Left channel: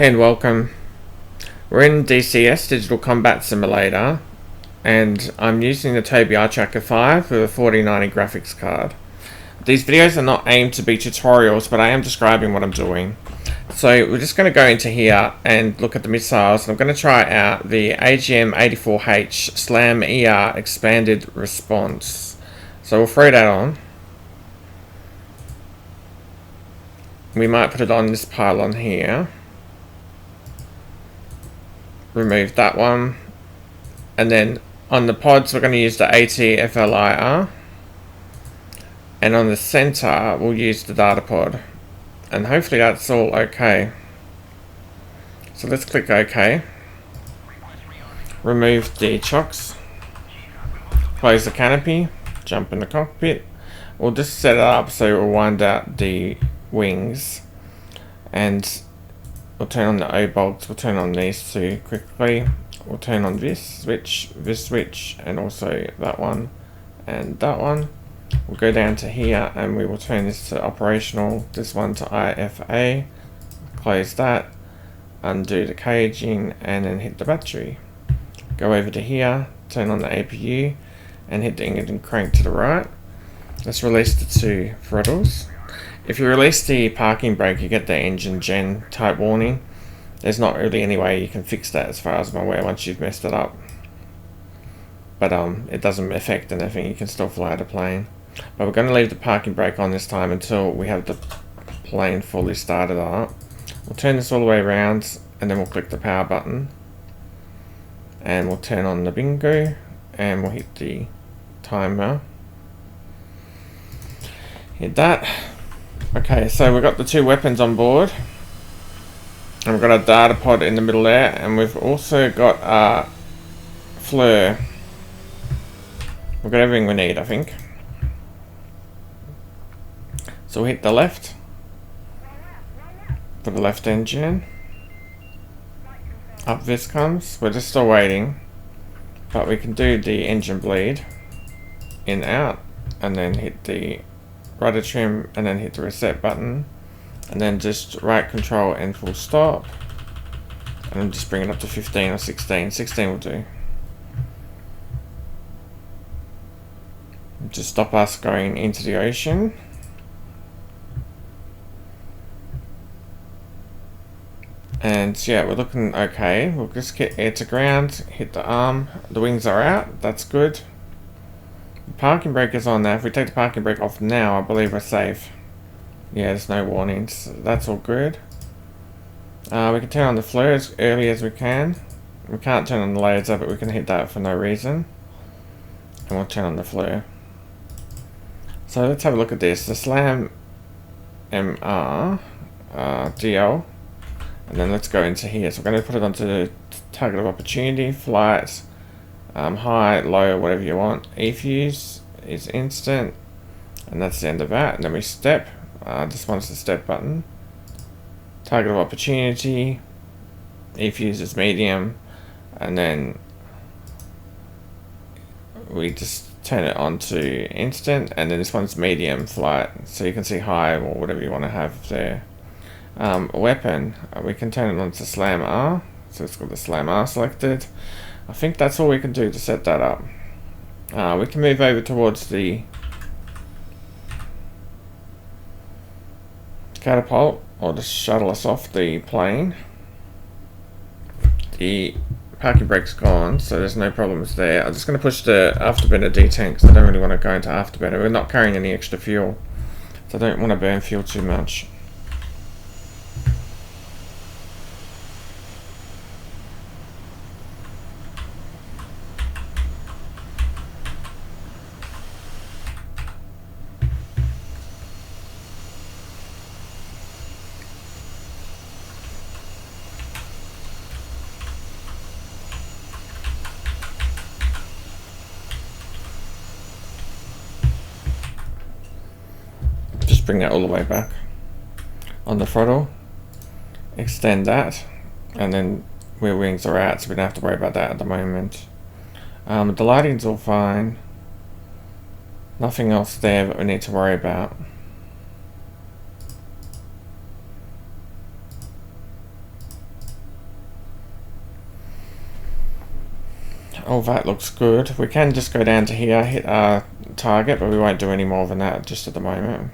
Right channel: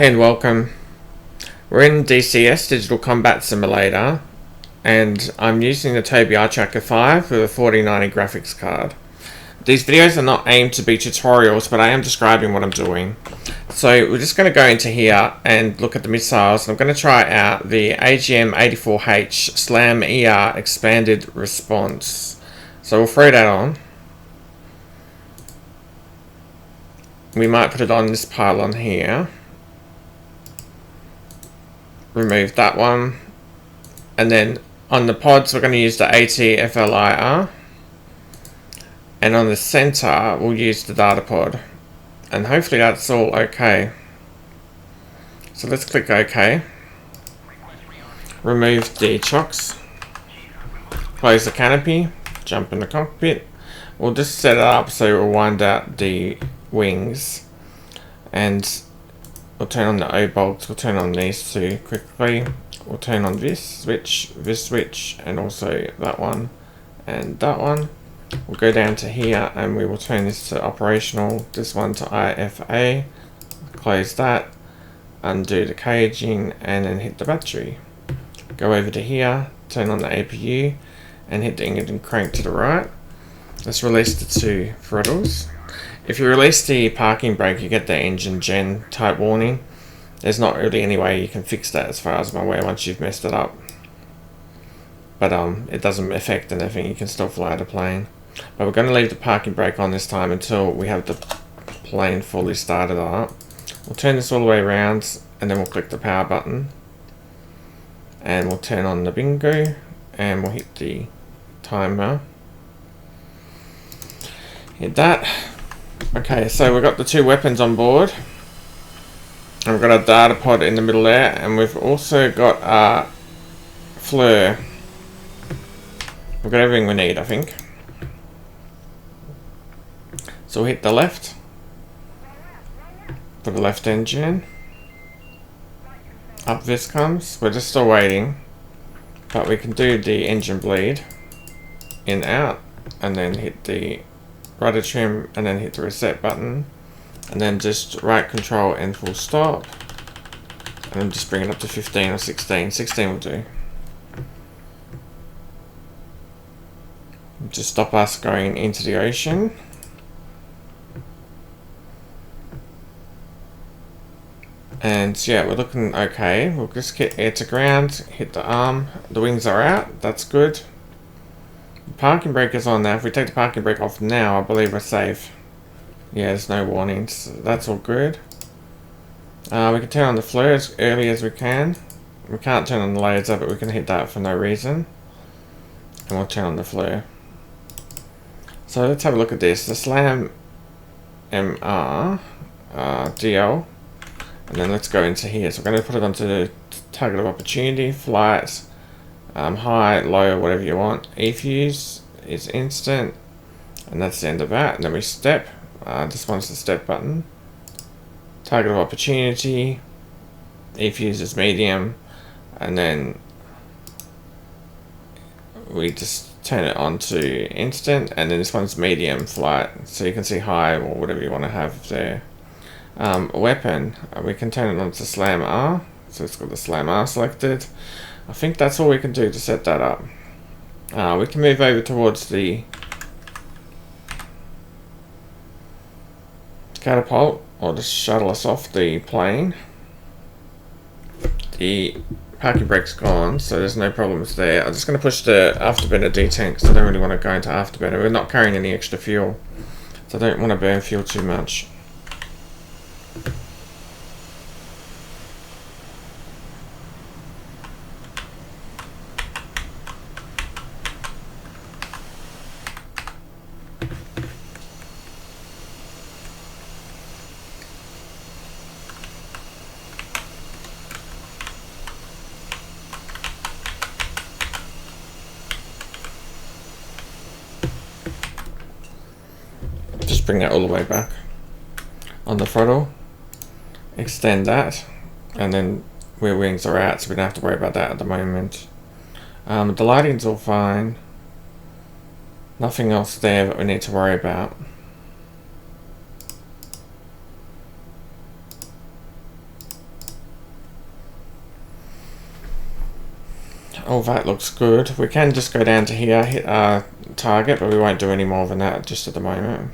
And welcome. We're in DCS, Digital Combat Simulator, and I'm using the Tobii Eye Tracker 5 with a 4090 graphics card. These videos are not aimed to be tutorials, but I am describing what I'm doing. So we're just going to go into here and look at the missiles. I'm going to try out the AGM-84H Slam ER Expanded Response. So we'll throw that on. We might put it on this pylon here. Remove that one, and then on the pods we're going to use the ATFLIR, and on the center we'll use the data pod, and hopefully that's all okay. So let's click OK. Remove the chocks, close the canopy, jump in the cockpit. We'll just set it up so we'll wind out the wings, and we'll turn on the O-bolts. We'll turn on these two quickly. We'll turn on this switch, and also that one and that one. We'll go down to here and we will turn this to operational, this one to IFA. Close that, undo the caging, and then hit the battery. Go over to here, turn on the APU, and hit the engine crank to the right. Let's release the two throttles. If you release the parking brake, you get the engine gen type warning. There's not really any way you can fix that as far as I'm aware once you've messed it up. But it doesn't affect anything, you can still fly the plane. But we're going to leave the parking brake on this time until we have the plane fully started up. We'll turn this all the way around, and then we'll click the power button. And we'll turn on the bingo, and we'll hit the timer. Hit that. Okay, so we've got the two weapons on board, and we've got a data pod in the middle there, and we've also got a flare. We've got everything we need, I think. So we'll hit the left for the left engine. Up this comes. We're just still waiting, but we can do the engine bleed in, out, and then hit the rudder trim, and then hit the reset button, and then just right control and full stop, and then just bring it up to 15 or 16. 16 will do. Just stop us going into the ocean. And yeah, we're looking okay. We'll just get air to ground, hit the arm, the wings are out, that's good. The parking brake is on now. If we take the parking brake off now, I believe we're safe. Yeah, there's no warnings. That's all good. We can turn on the flare as early as we can. We can't turn on the laser, but we can hit that for no reason. And we'll turn on the flare. So let's have a look at this. The Slam MR DL. And then let's go into here. So we're going to put it onto the target of opportunity, flight. High, low, whatever you want. E-fuse is instant, and that's the end of that. And then we step. This one's the step button. Target of opportunity. E-fuse is medium, and then we just turn it on to instant. And then this one's medium flight, so you can see high or whatever you want to have there. Weapon, we can turn it on to Slam R, so it's got the Slam R selected. I think that's all we can do to set that up. We can move over towards the catapult, or just shuttle us off the plane. The parking brake's gone, so there's no problems there. I'm just going to push the afterburner detent because I don't really want to go into afterburner. We're not carrying any extra fuel, so I don't want to burn fuel too much. Just bring that all the way back on the throttle, extend that, and then rear wings are out, so we don't have to worry about that at the moment. The lighting's all fine, nothing else there that we need to worry about. Oh, that looks good. We can just go down to here, hit our target, but we won't do any more than that just at the moment.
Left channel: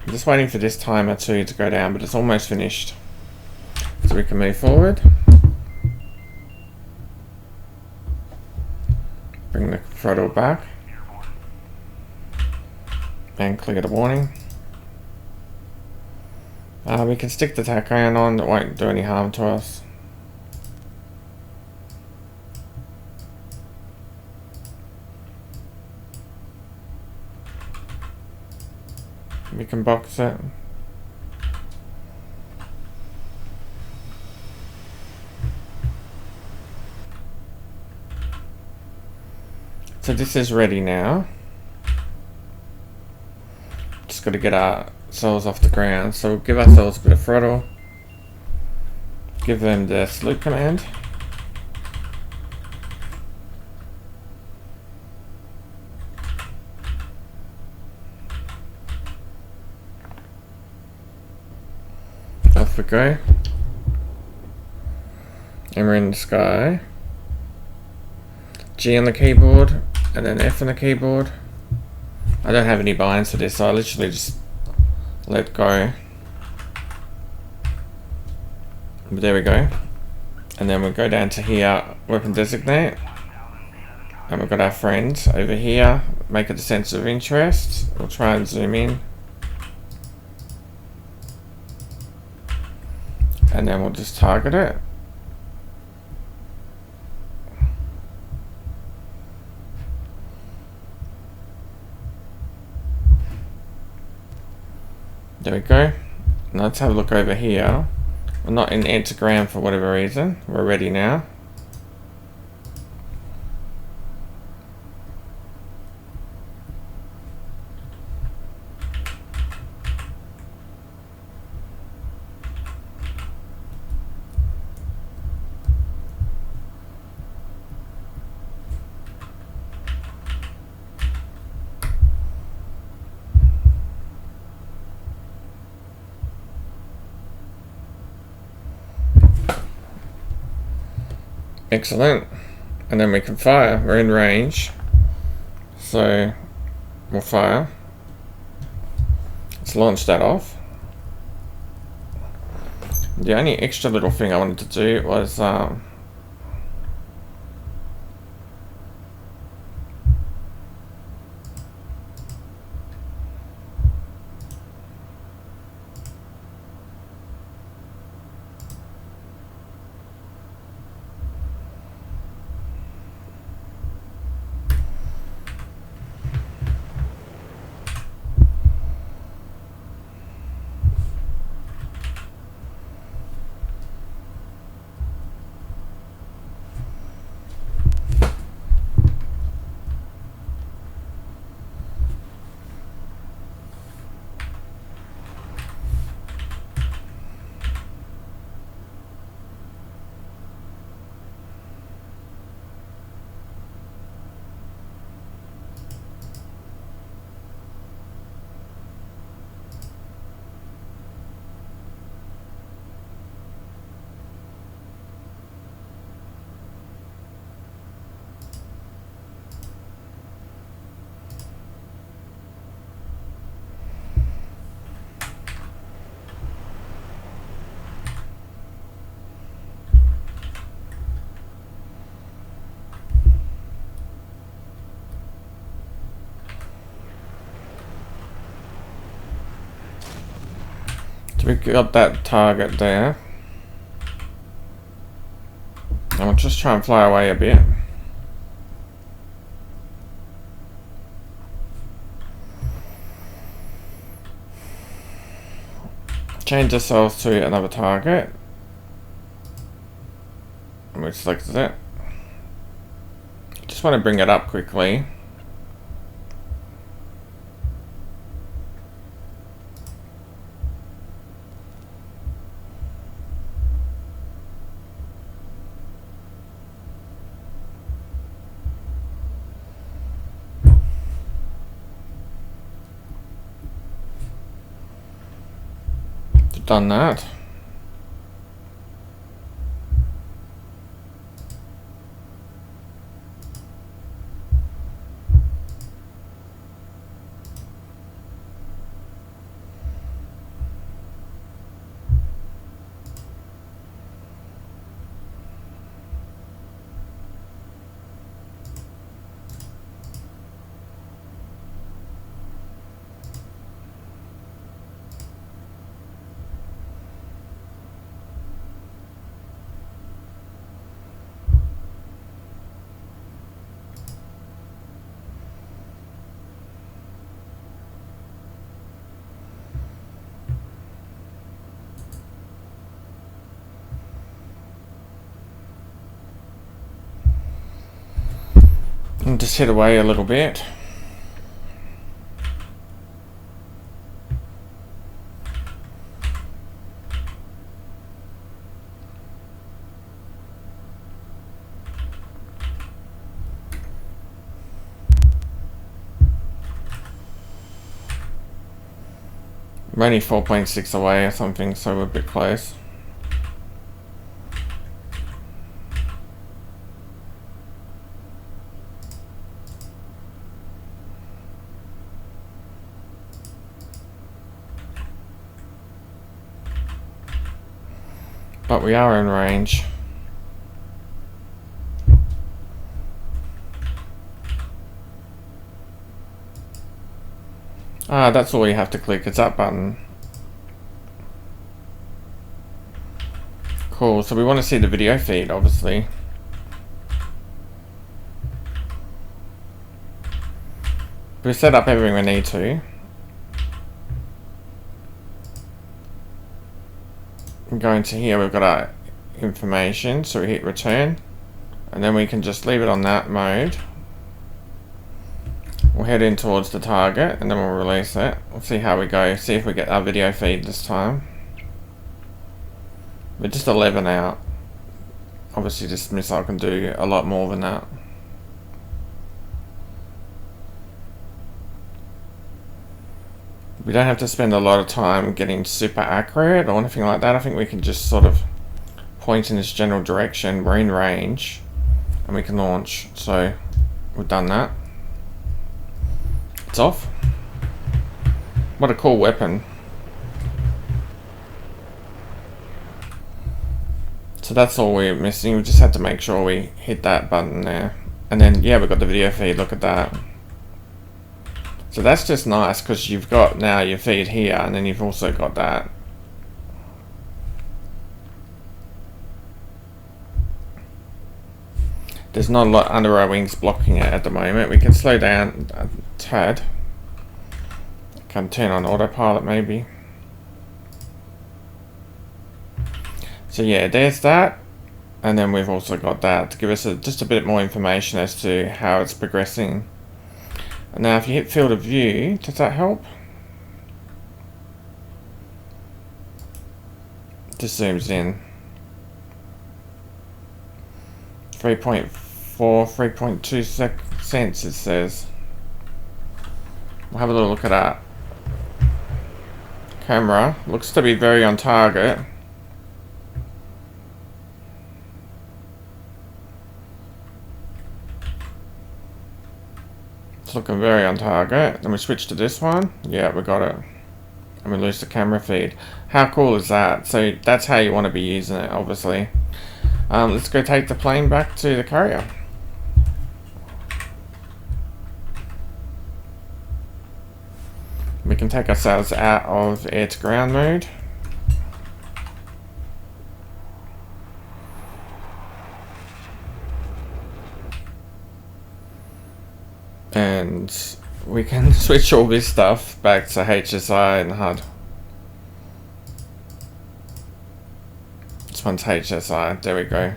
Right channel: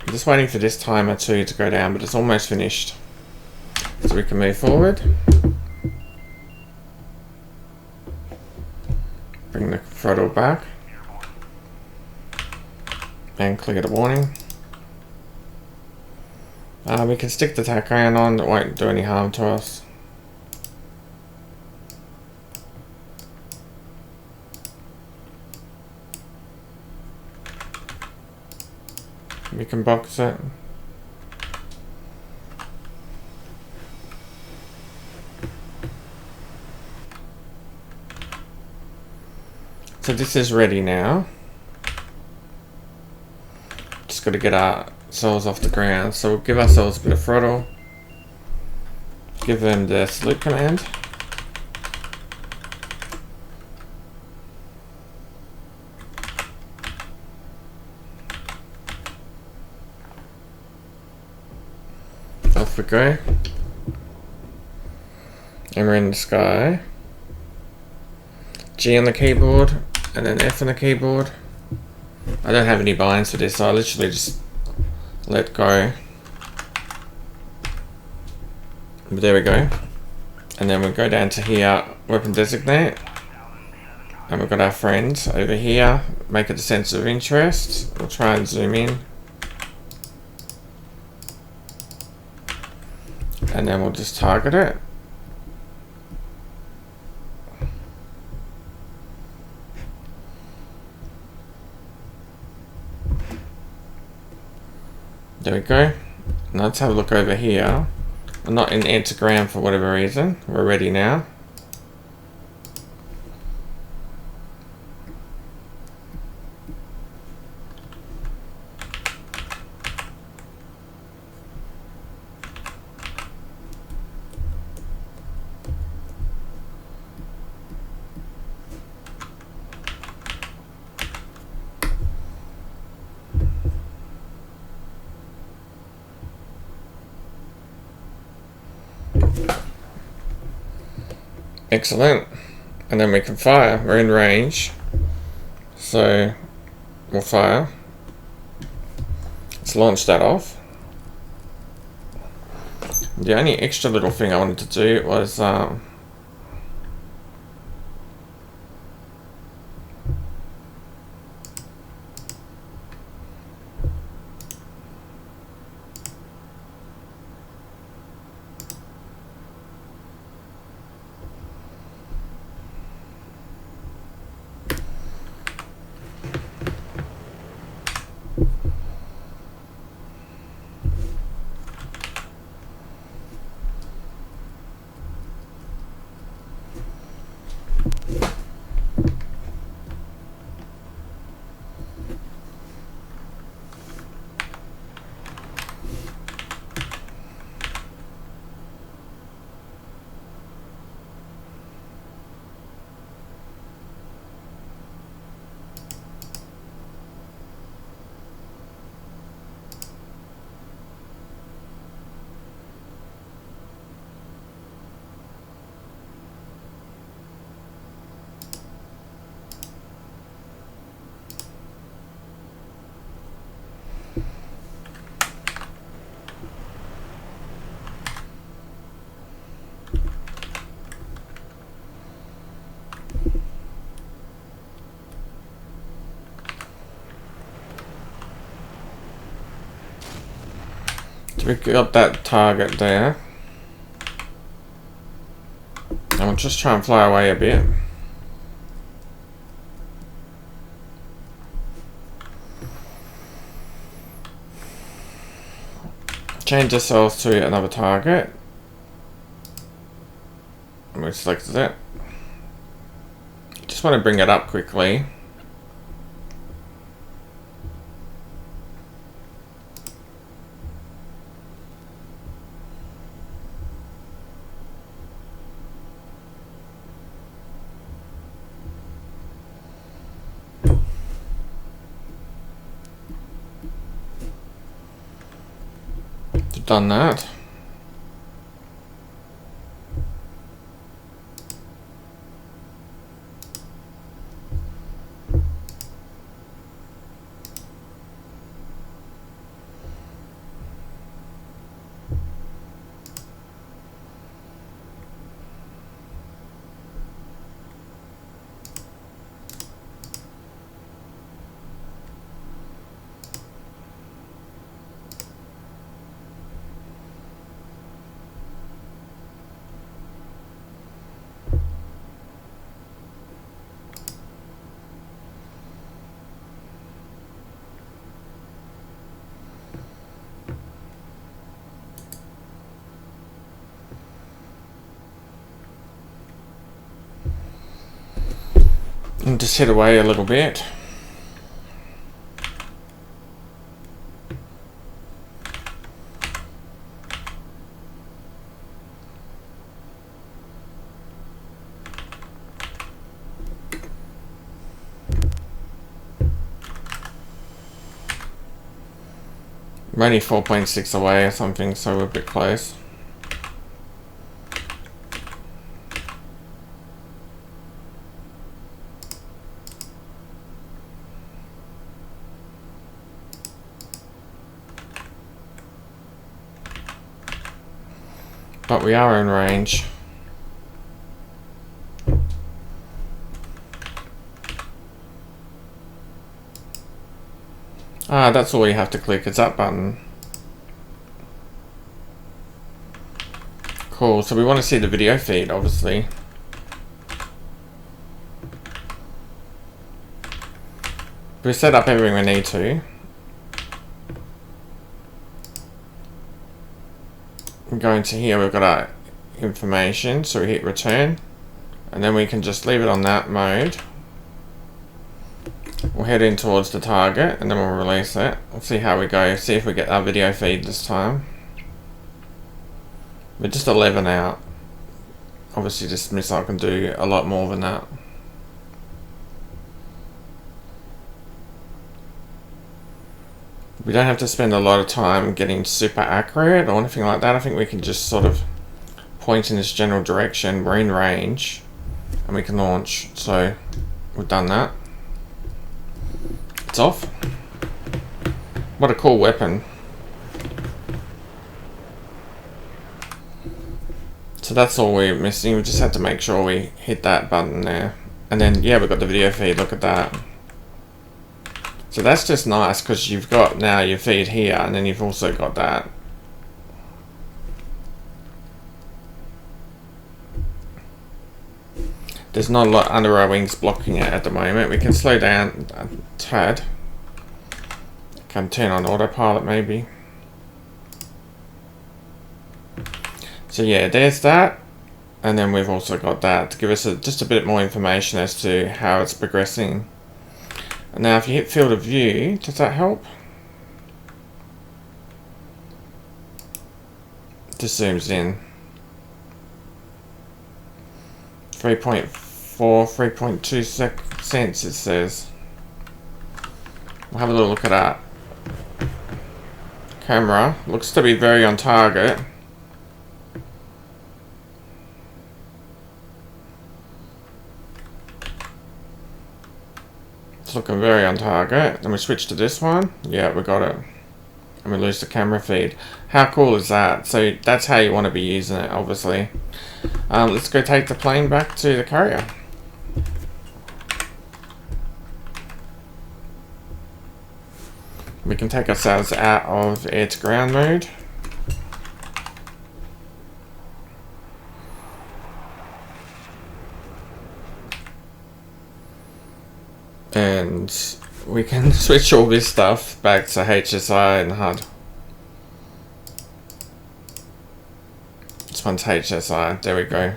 I'm just waiting for this timer too to go down, but it's almost finished. So we can move forward. Bring the throttle back. And clear the warning. We can stick the tachogram on, it won't do any harm to us. We can box it. So this is ready now. Just got to get ourselves off the ground. So we'll give ourselves a bit of throttle. Give them the salute command. Off we go. And we're in the sky. G on the keyboard, and then F on the keyboard. I don't have any binds for this, so I literally just let go. But there we go. And then we go down to here, weapon designate. And we've got our friend over here. Make it a sense of interest. We'll try and zoom in. And then we'll just target it. There we go. Now let's have a look over here. We're not in Antigram for whatever reason. We're ready now. Excellent. And then we can fire. We're in range. So we'll fire. Let's launch that off. The only extra little thing I wanted to do was we got that target there. And we'll just try and fly away a bit. Change ourselves to another target. And we selected it. Just want to bring it up quickly. Done that. And just head away a little bit. We're only 4.6 away or something, so we're a bit close. But we are in range. Ah, that's all you have to click, it's that button. Cool, so we want to see the video feed, obviously. We've set up everything we need to. We go into here, we've got our information, so we hit return. And then we can just leave it on that mode. We'll head in towards the target and then we'll release it. We'll see how we go, see if we get our video feed this time. We're just 11 out. Obviously this missile can do a lot more than that. We don't have to spend a lot of time getting super accurate or anything like that. I think we can just sort of point in this general direction. We're in range and we can launch. So we've done that. It's off. What a cool weapon. So that's all we're missing. We just had to make sure we hit that button there. And then, yeah, we've got the video feed. Look at that. So that's just nice because you've got now your feed here and then you've also got that. There's not a lot under our wings blocking it at the moment. We can slow down a tad. Can turn on autopilot maybe. So yeah, there's that. And then we've also got that to give us just a bit more information as to how it's progressing. And now if you hit field of view, does that help? Just zooms in. 3.4, 3.2 cents it says. We'll have a little look at that. Camera looks to be very on target. It's looking very on target. Then we switch to this one. Yeah, we got it. And we lose the camera feed. How cool is that? So that's how you want to be using it, obviously. Let's go take the plane back to the carrier. We can take ourselves out of air to ground mode. And we can switch all this stuff back to HSI and HUD. This one's HSI, there we go.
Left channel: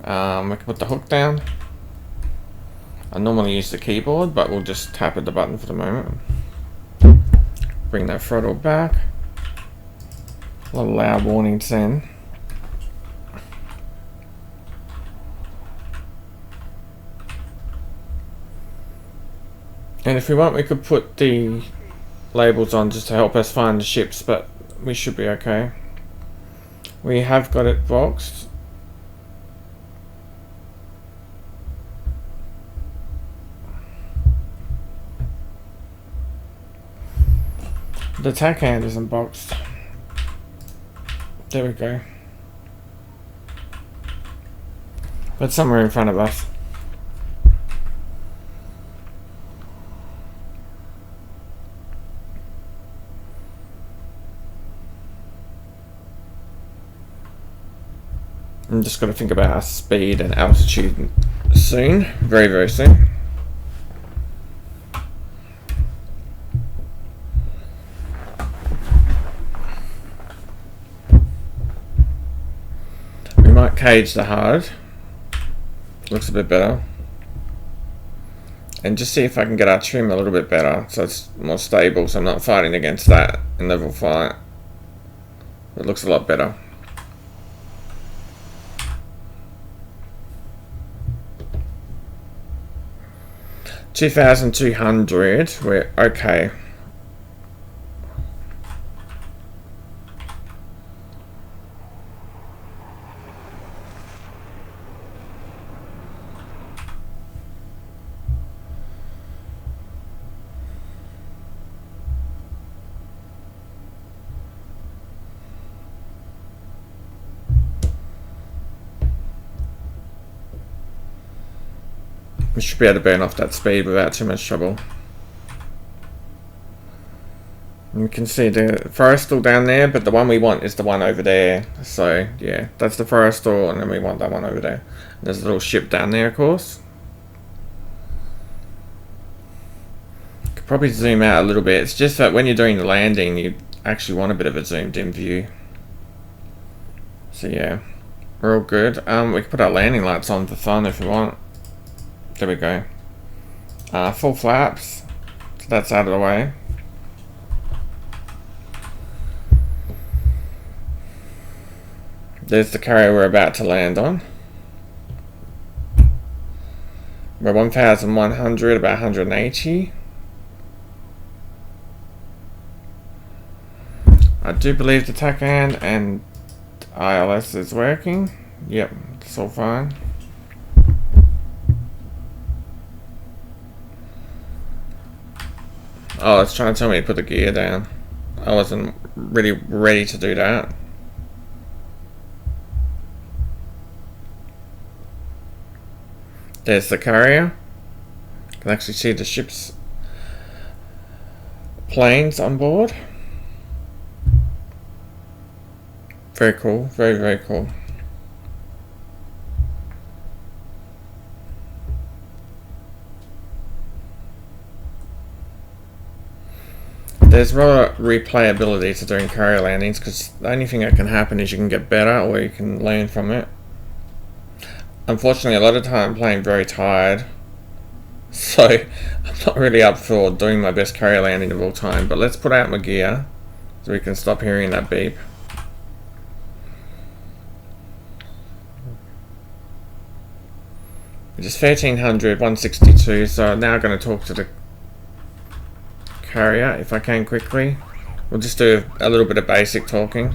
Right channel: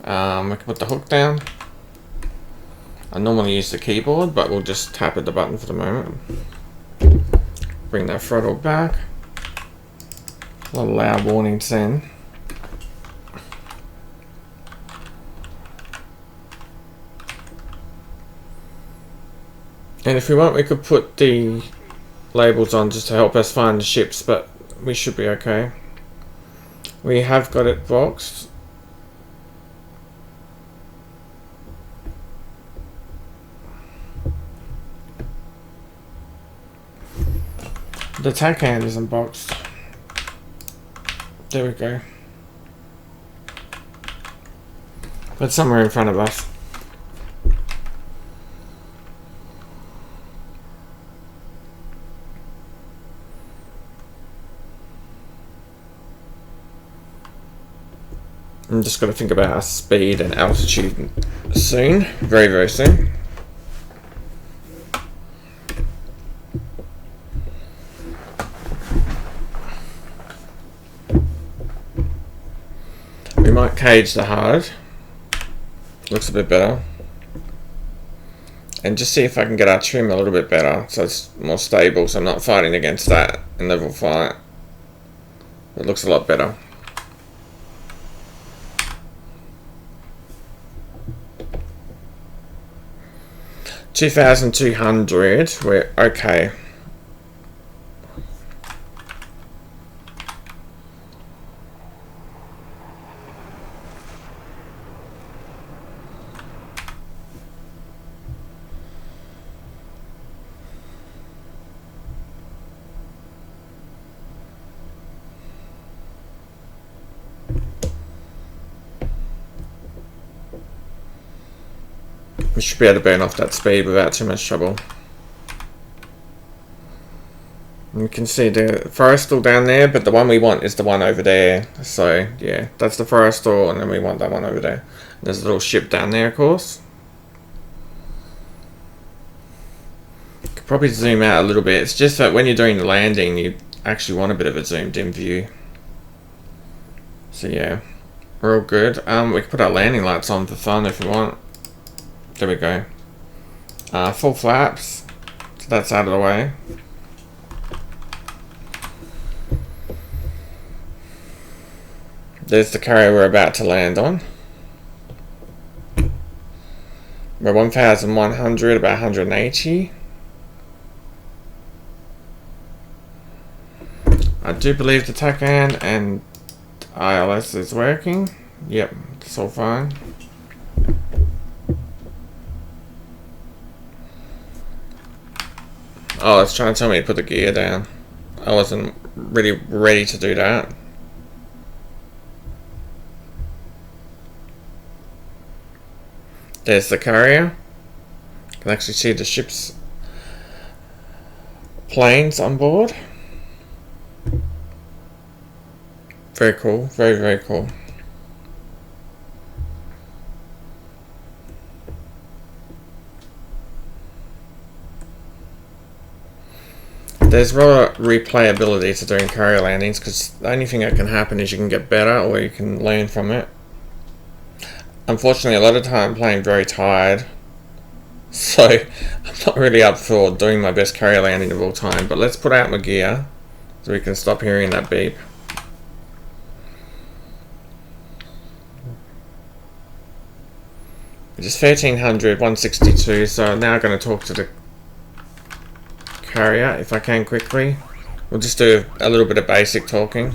We can put the hook down. I normally use the keyboard, but we'll just tap at the button for the moment. Bring that throttle back. A lot of loud warnings then. And if we want, we could put the labels on just to help us find the ships, but we should be okay. We have got it boxed. The tack hand isn't boxed. There we go. But somewhere in front of us. I'm just got to think about our speed and altitude soon. Very, very soon. We might cage the HUD. Looks a bit better. and just see if I can get our trim a little bit better so it's more stable, so I'm not fighting against that in level fight. It looks a lot better. $2,200, we're okay. We should be able to burn off that speed without too much trouble. And you can see the forestal down there, but the one we want is the one over there. So yeah, that's the forestal, and then we want that one over there. And there's a little ship down there, of course. Could probably zoom out a little bit. It's just that when you're doing the landing, you actually want a bit of a zoomed in view. So yeah, we're all good. We can put our landing lights on for fun if we want. There we go. Full flaps. So that's out of the way. There's the carrier we're about to land on. We're 1,100, about 180. I do believe the TACAN and ILS is working. Yep, it's all fine. Oh, it's trying to tell me to put the gear down. I wasn't really ready to do that. There's the carrier. You can actually see the ship's planes on board. Very cool, very, very cool. There's raw replayability to doing carrier landings, because the only thing that can happen is you can get better or you can learn from it. Unfortunately, a lot of time I'm playing very tired, so I'm not really up for doing my best carrier landing of all time. But let's put out my gear so we can stop hearing that beep. Which is 1,300, 162, so I'm now going to talk to the carrier if I can quickly. We'll just do a little bit of basic talking.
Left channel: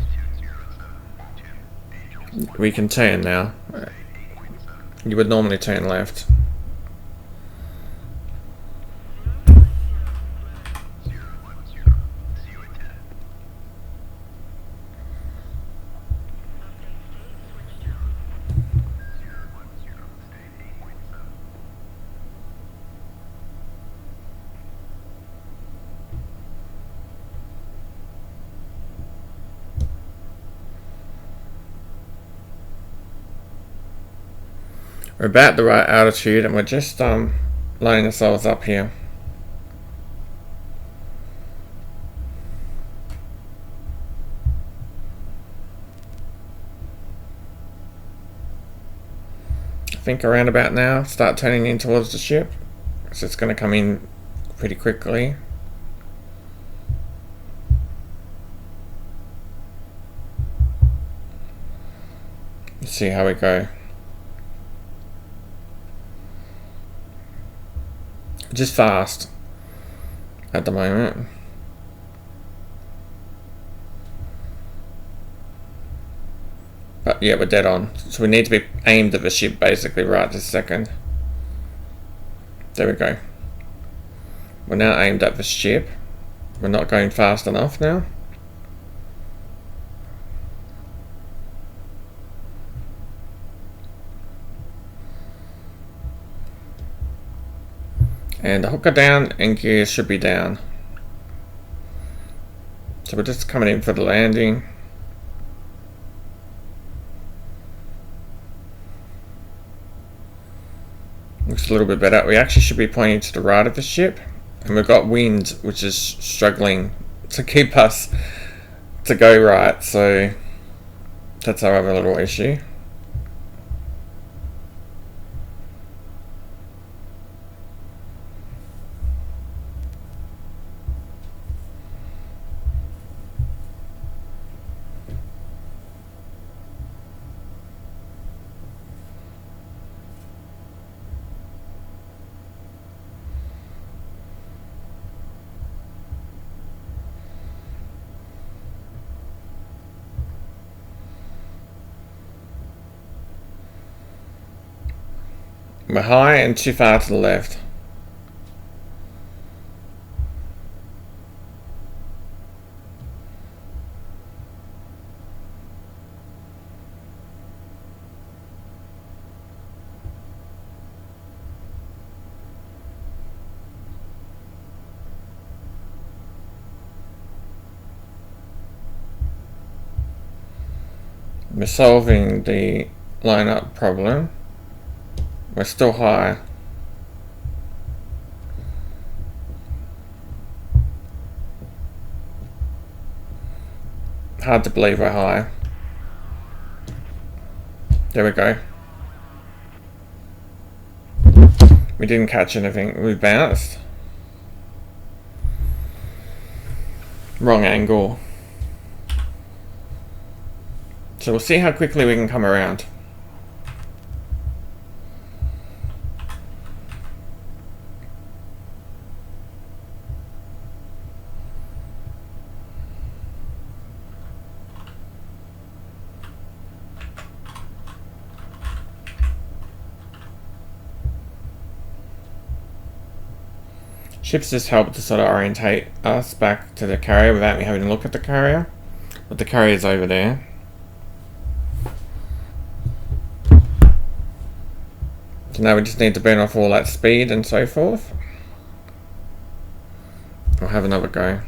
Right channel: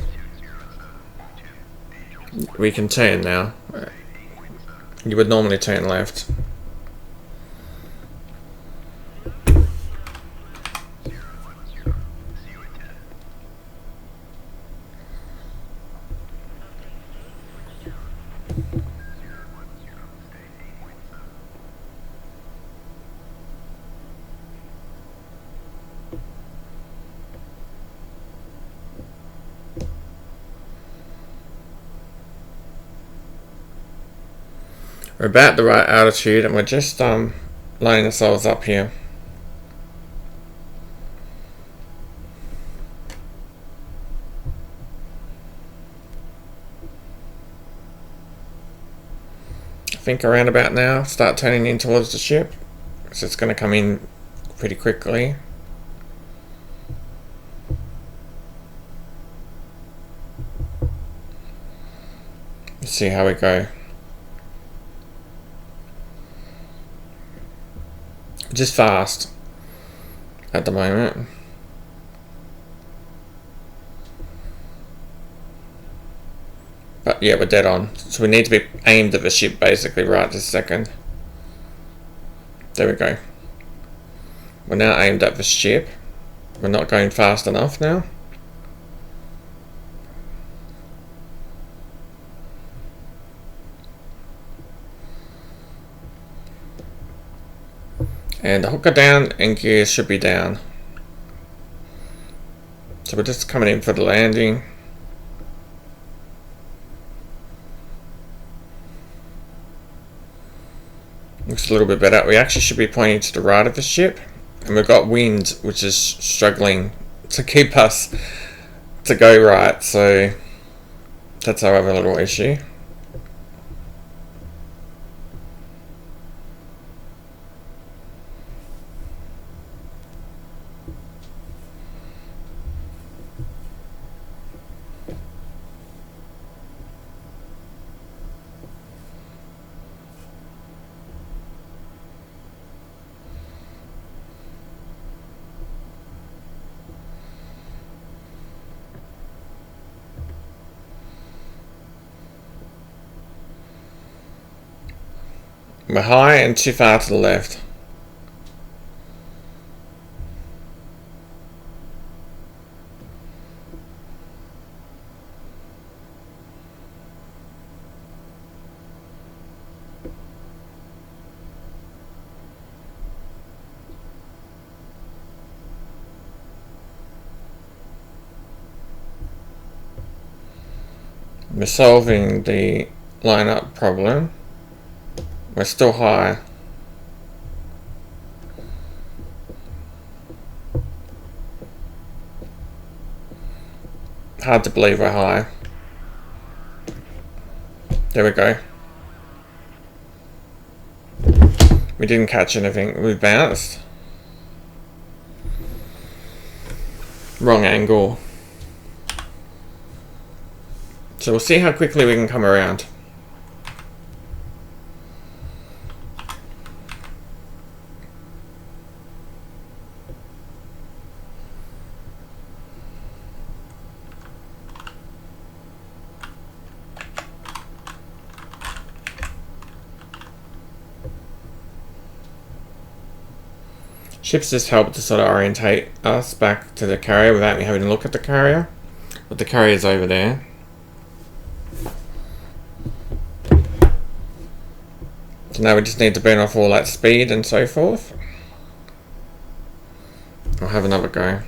We can turn now. You would normally turn left. We're about the right altitude and we're just lining ourselves up here. I think around about now, start turning in towards the ship, so it's going to come in pretty quickly. Let's see how we go. Just fast at the moment. But yeah, we're dead on. So we need to be aimed at the ship basically right this second. There we go. We're now aimed at the ship. We're not going fast enough now. And the hooker down and gear should be down. So we're just coming in for the landing. Looks a little bit better. We actually should be pointing to the right of the ship. And we've got wind, which is struggling to keep us to go right. So that's our other little issue. We're high and too far to the left. We're solving the lineup problem. We're still high. Hard to believe we're high. There we go. We didn't catch anything. We bounced. Wrong angle. So we'll see how quickly we can come around. Ships just help to sort of orientate us back to the carrier without me having to look at the carrier. But the carrier's over there. So now we just need to burn off all that speed and so forth. I'll have another go.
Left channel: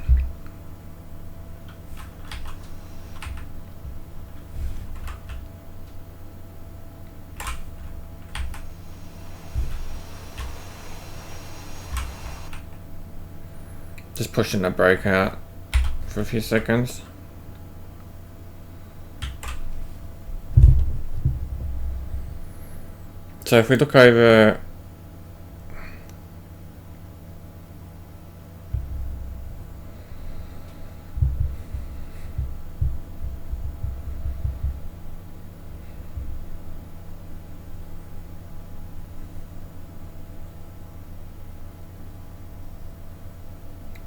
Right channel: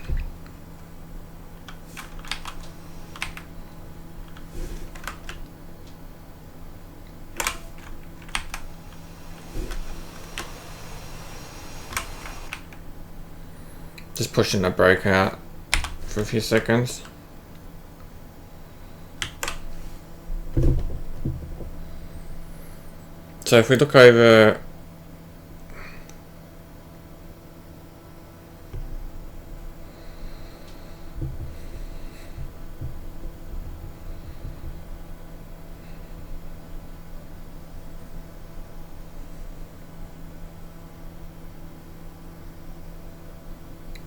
Just pushing the brake out for a few seconds. So if we look over,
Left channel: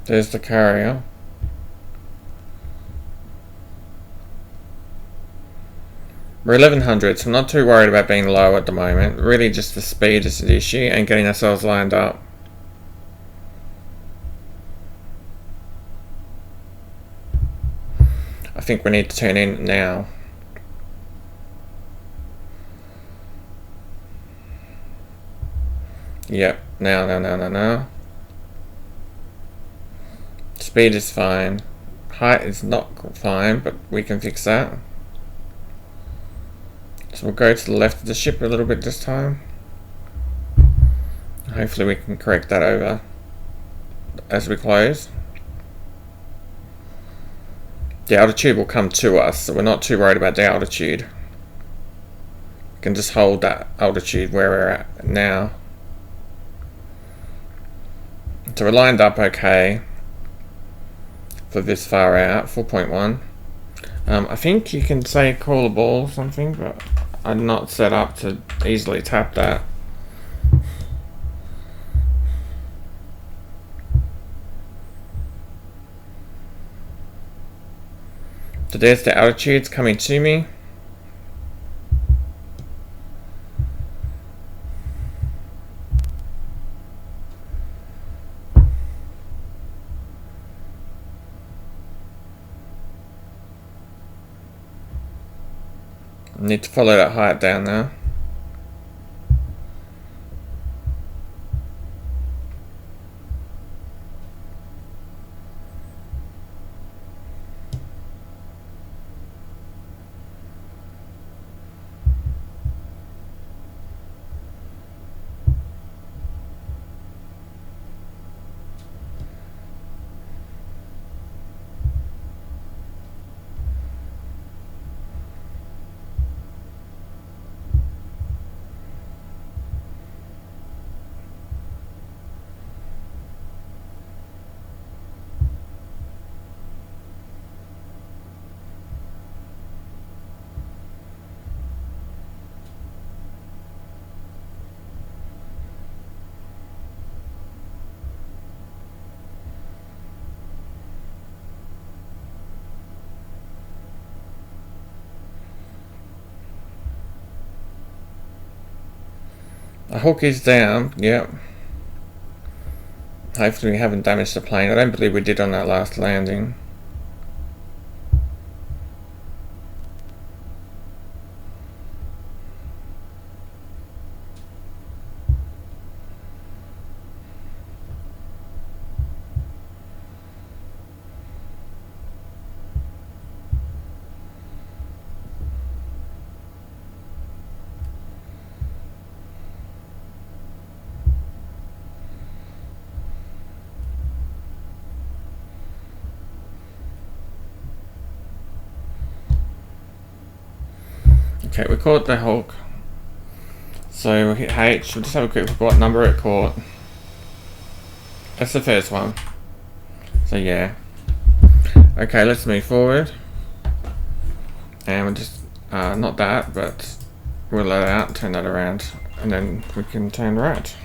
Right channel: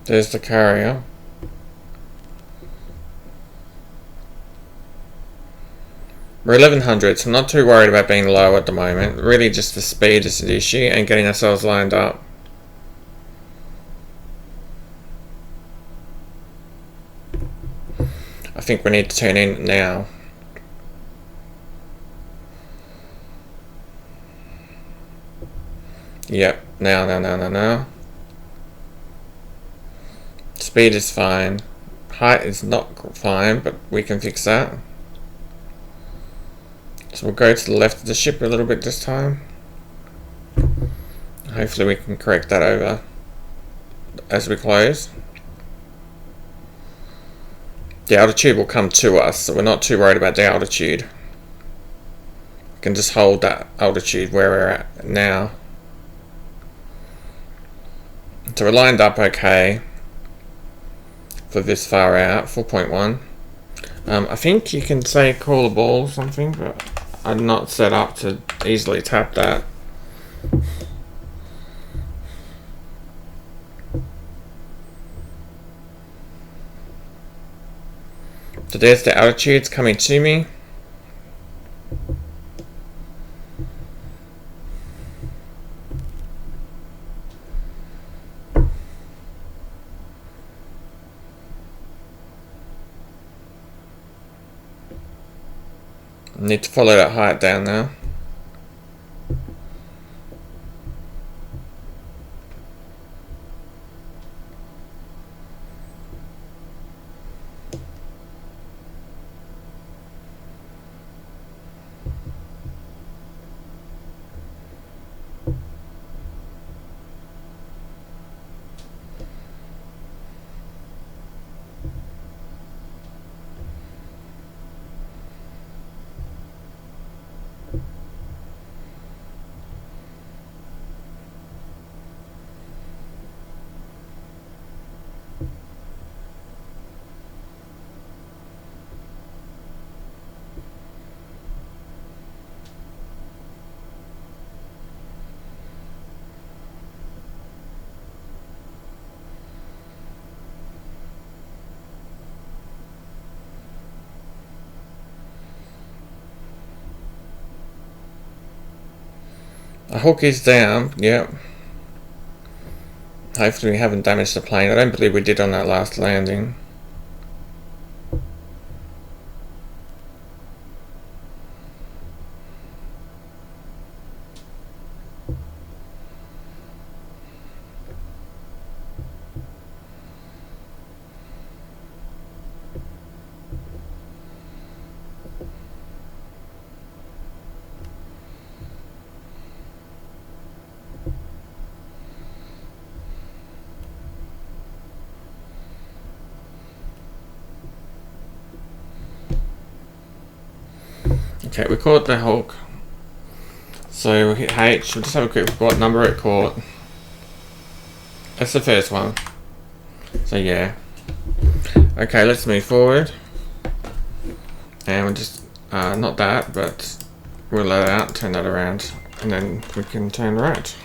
there's the carrier. We're 1100, so I'm not too worried about being low at the moment. Really just the speed is the issue and getting ourselves lined up. I think we need to turn in now. Yep, now. Speed is fine. Height is not fine, but we can fix that. So we'll go to the left of the ship a little bit this time. Hopefully we can correct that over as we close. The altitude will come to us, so we're not too worried about the altitude. We can just hold that altitude where we're at now. So we're lined up okay for this far out, 4.1. I think you can say call a ball or something, but I'm not set up to easily tap that. So there's the altitudes coming to me. Need to follow that height down now. The hook is down, yep. Hopefully we haven't damaged the plane. I don't believe we did on that last landing. Okay, we caught the hook. So we'll hit H. We'll just have a quick look what number it caught. That's the first one. So yeah. Okay, let's move forward. And we'll just, not that, but we'll let it out, turn that around, and then we can turn right.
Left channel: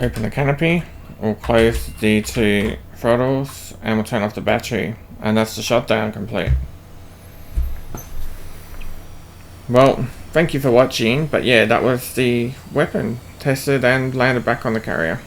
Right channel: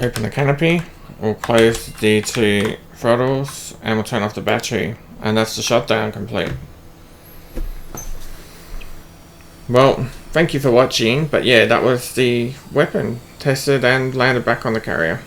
Open the canopy, we'll close the two throttles, and we'll turn off the battery, and that's the shutdown complete. Well, thank you for watching, but yeah, that was the weapon tested and landed back on the carrier.